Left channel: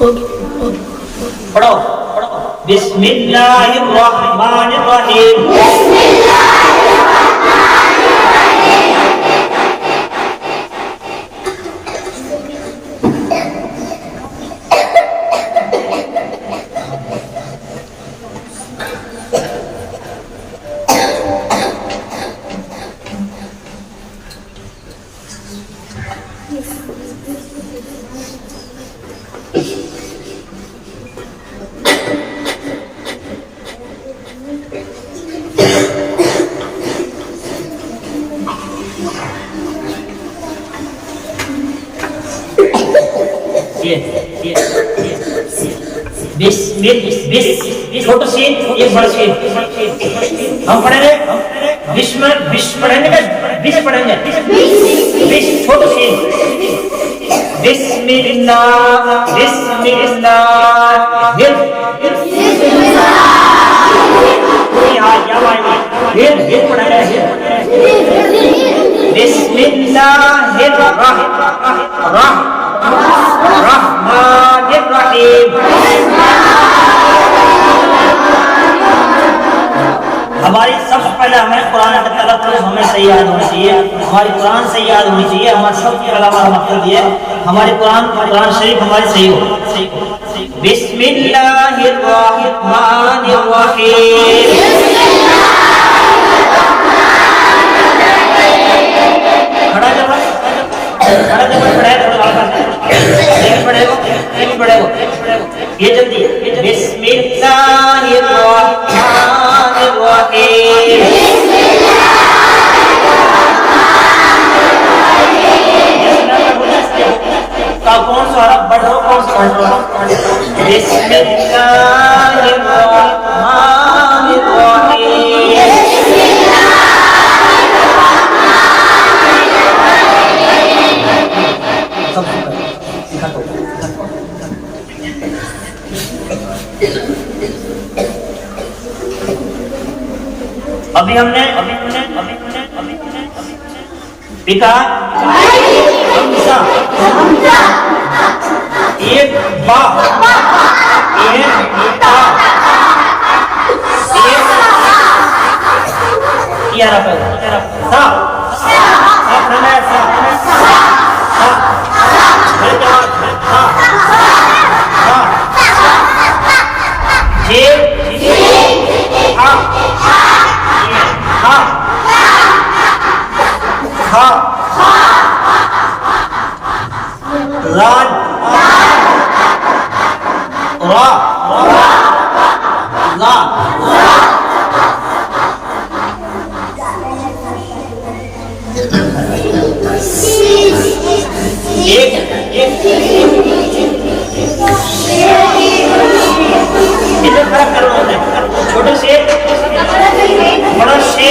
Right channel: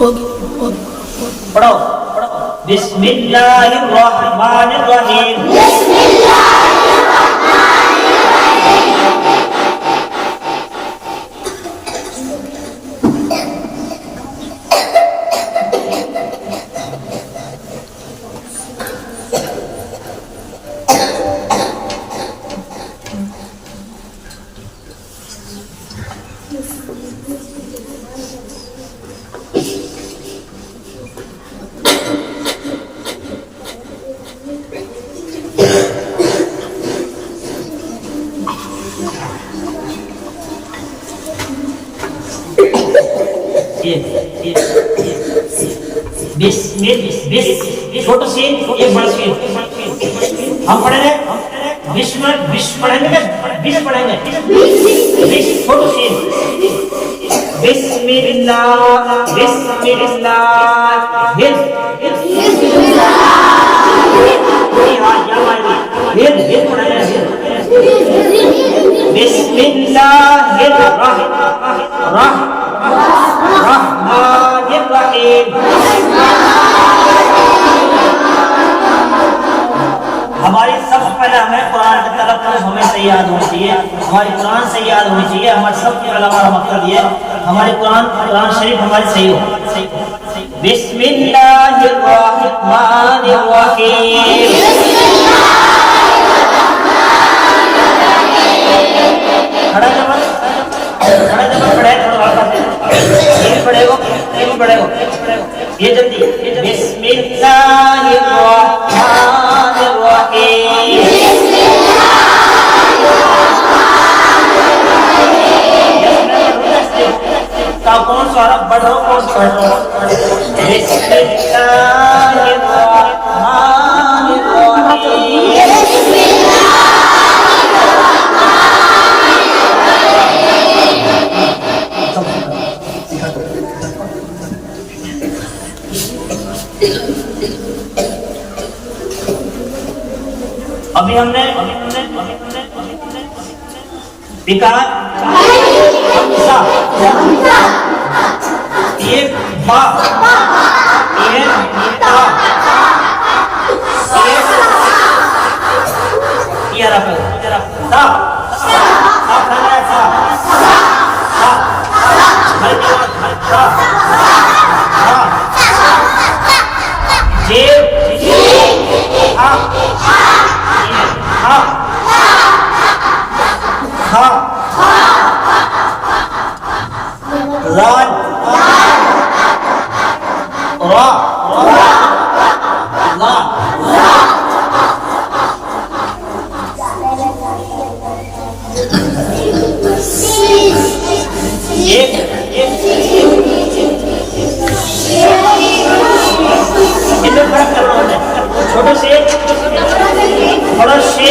पढ़ो बिस्मिल्लाहिर्रहमानिर्रहीम। छोटू सी एक बड़ा सी हम पढ़ेंगे विश्व विश्व पढ़ेंगे क्या विश्व पढ़ेंगे विश्व छोटू सी बिस्मिल्लाह बिस्मिल्लाह बिस्मिल्लाह बिस्मिल्लाहिर्रहमानिर्रहीम। हमारी सबसे पहले हमें कुरान का तलफ़्फ़ुज़ हमें सही याद होना चाहिए, हमारी कुरान सही याद होनी चाहिए। हमारे सबके अलावा मकसद ये हमारी कुरान शरीफ हमारी सही हो। बिस्मिल्लाहिर्रहमानिर्रहीम। खड़ा जब पढ़ेगा ये जल्दी बिस्मिल्लाहिर्रहमानिर्रहीम। कौन सा बढ़ो कौन सा बिस्मिल्लाहिर्रहमानिर्रहीम। अभी हमने पिता हमसा एक बा एक पिता एक या रखो सा छोटे से बड़ा से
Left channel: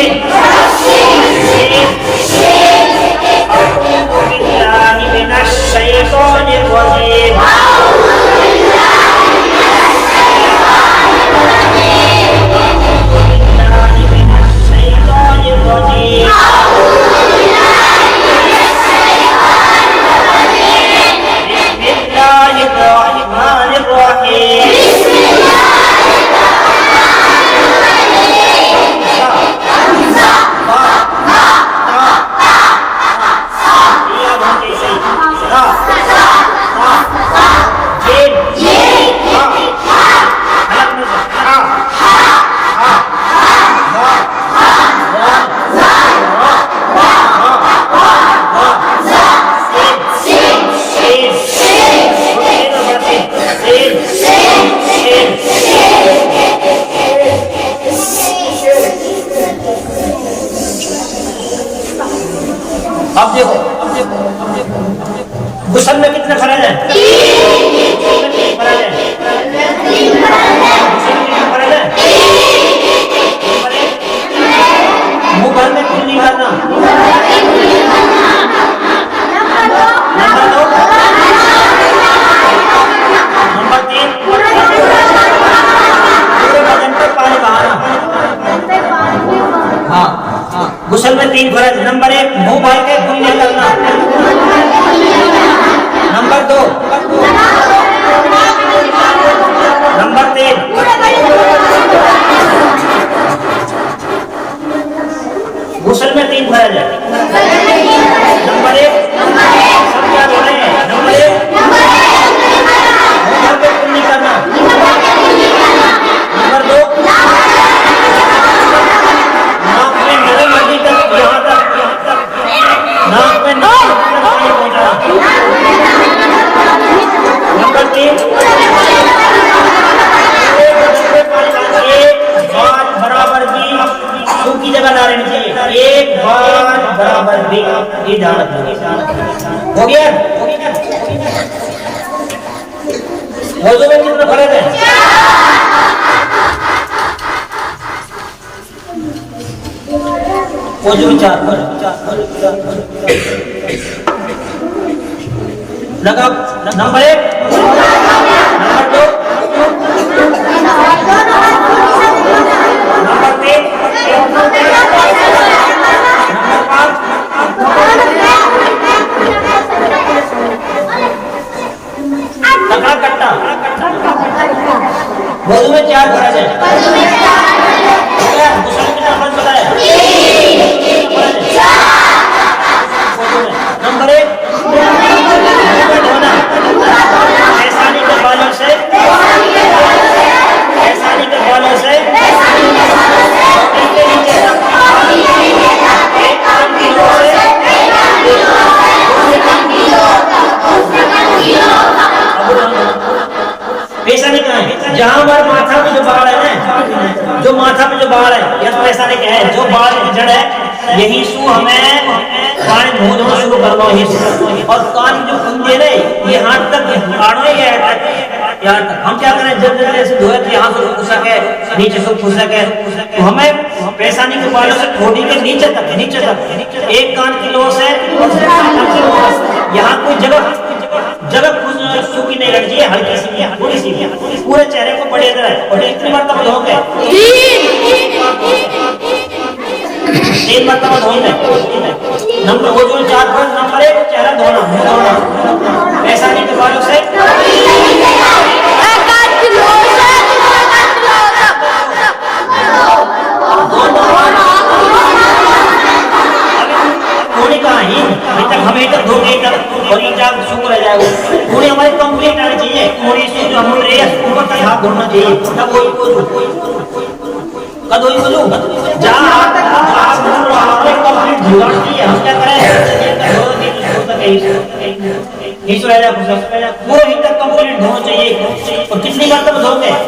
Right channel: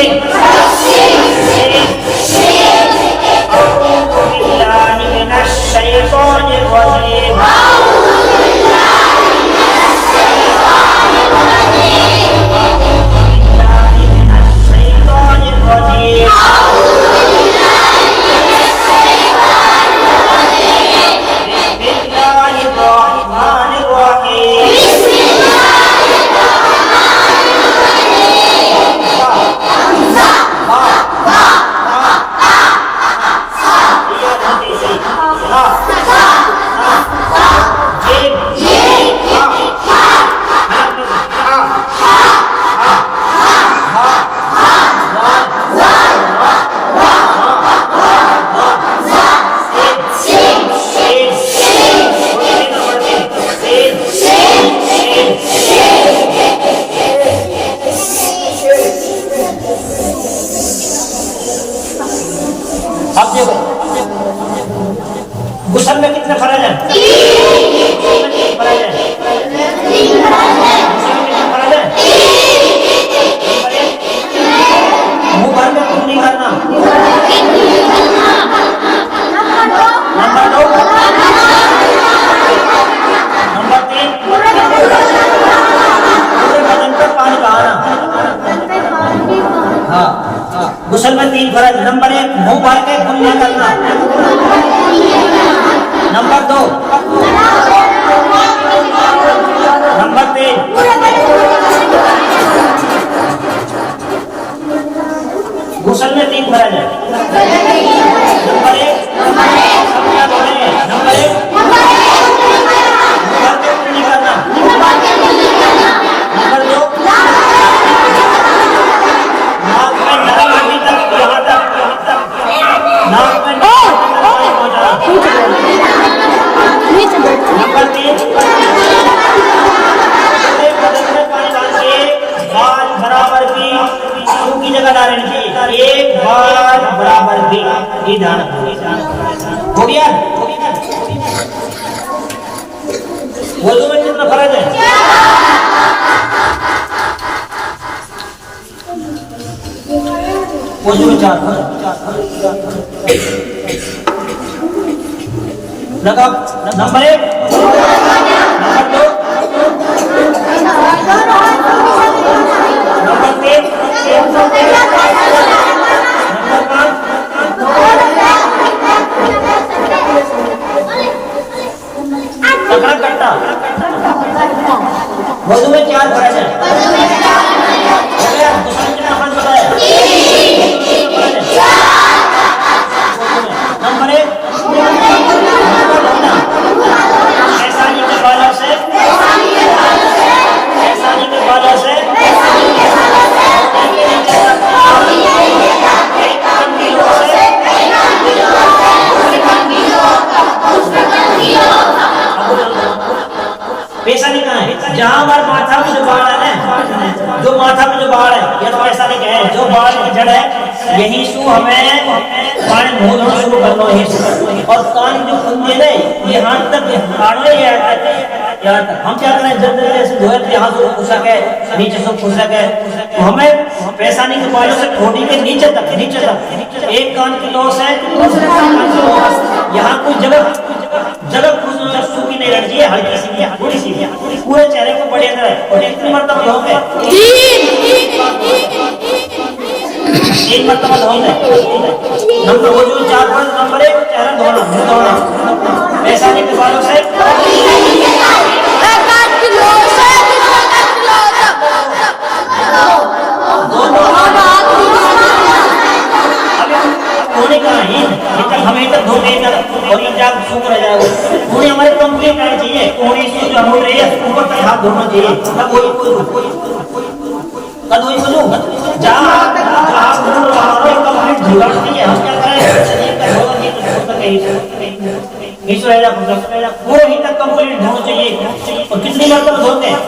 गुसल में कितने फर्ज हैं? मुंह भर में कुछ नहीं करना। नंबर 2 नंबर 3 पूरे बदन पे पानी बहाना। हाँ गुसल में 3 फर्ज। नंबर 1 मुंह भर के कुछ नहीं करना। नंबर 2 वजू में कितना फर्ज है? वजू में 4 फर्ज। लगाओ नंबर 1, नंबर 2, नंबर 3, नंबर 5, तगड़ा कट्टा। वजू में 4 फर्ज है। दूसरा कितना फर्ज बताया? नंबर 1, एहसानी के बालों से एक कान की लो से पैसा नहीं कहाँ है? जहाँ हमारे माथा में जो बाढ़ है ना, जो माथा में जो बाढ़ है, यह तो ऐसा नहीं कहे, जो बाढ़ की जड़ है यही सु हमें पानी मुंह धोना शुरू करना है। और कान जो खुंदे ने यहाँ तक आड़ो ही है, यहाँ तक हम क्या करें, जब ऐसे धोए तो यहाँ से खुशक है, नीचे से खुशक है, तो हमें पैसानी के बालों से ठोड़ी के नीचे तक एक कान की लोस है और यहाँ कोई जगह सूखी नहीं रहनी चाहिए, हल्की सी थोड़ी सी, पूरे चेहरे को बड़े तरह और कितनी मरतबा धोंगे? 3 मरतबा धोंगे। नंबर वो जो 4 फर्ज, नंबर 1 चेहरा धोना, ऐसा नहीं के बालों से थोड़ी कहाँ ही हमें तक धोने और ये जाग सूख रह जाएगा। थोड़ी हमारे कंप्लीट आनी चाहिए, थोड़ी सी जो हम रहे ऊपर तक हाथ धोना चाहिए। तब वही बोलूं जहाँ हाथ कंप्लीट धुलाती है, हम क्या करें वो ही तक कंप्लीट धोना चाहिए। और कितनी बार तक धोते हैं?